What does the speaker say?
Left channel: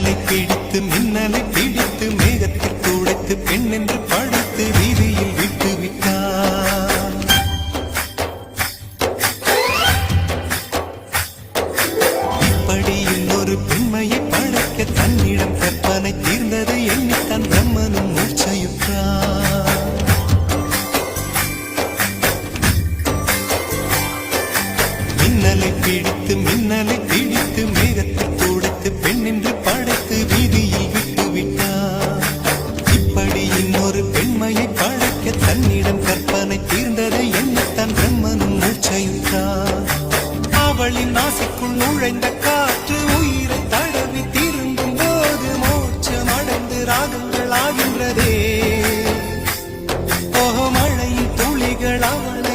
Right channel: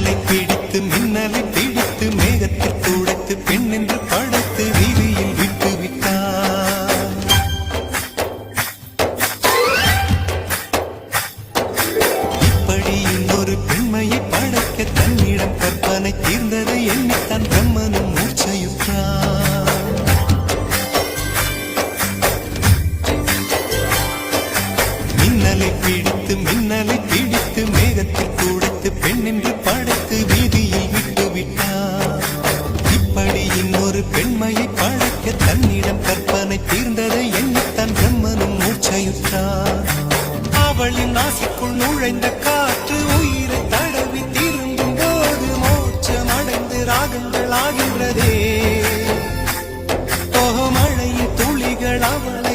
மின்னலை பிடித்து மின்னலை பிடித்து மேகத்தில் துடைத்து பெண் என்று படைத்து வீதியில் விட்டு விட்டார். இப்படி இன்னொரு பெண்மையை படைக்க தன்னிடம் கற்பனை தீர்ந்ததை எண்ணித்தான் பிரம்மனும் மூர்ச்சையுற்றார். மின்னலை பிடித்து மேகத்தில் துடைத்து பெண் என்று படைத்து வீதியில் விட்டு விட்டார். இப்படி இன்னொரு பெண்மையை படைக்க தன்னிடம் கற்பனை தீர்ந்ததை எண்ணித்தான் பிரம்மனும் மூர்ச்சையுற்றார். அவளின் நாசிக்குள் நுழைந்த காற்று உயிரை தடவி திரும்பும் போது மோட்சம் அடைந்து ராகங்கள் ஆகின்றதே. மழையின் துளிகள் அவளை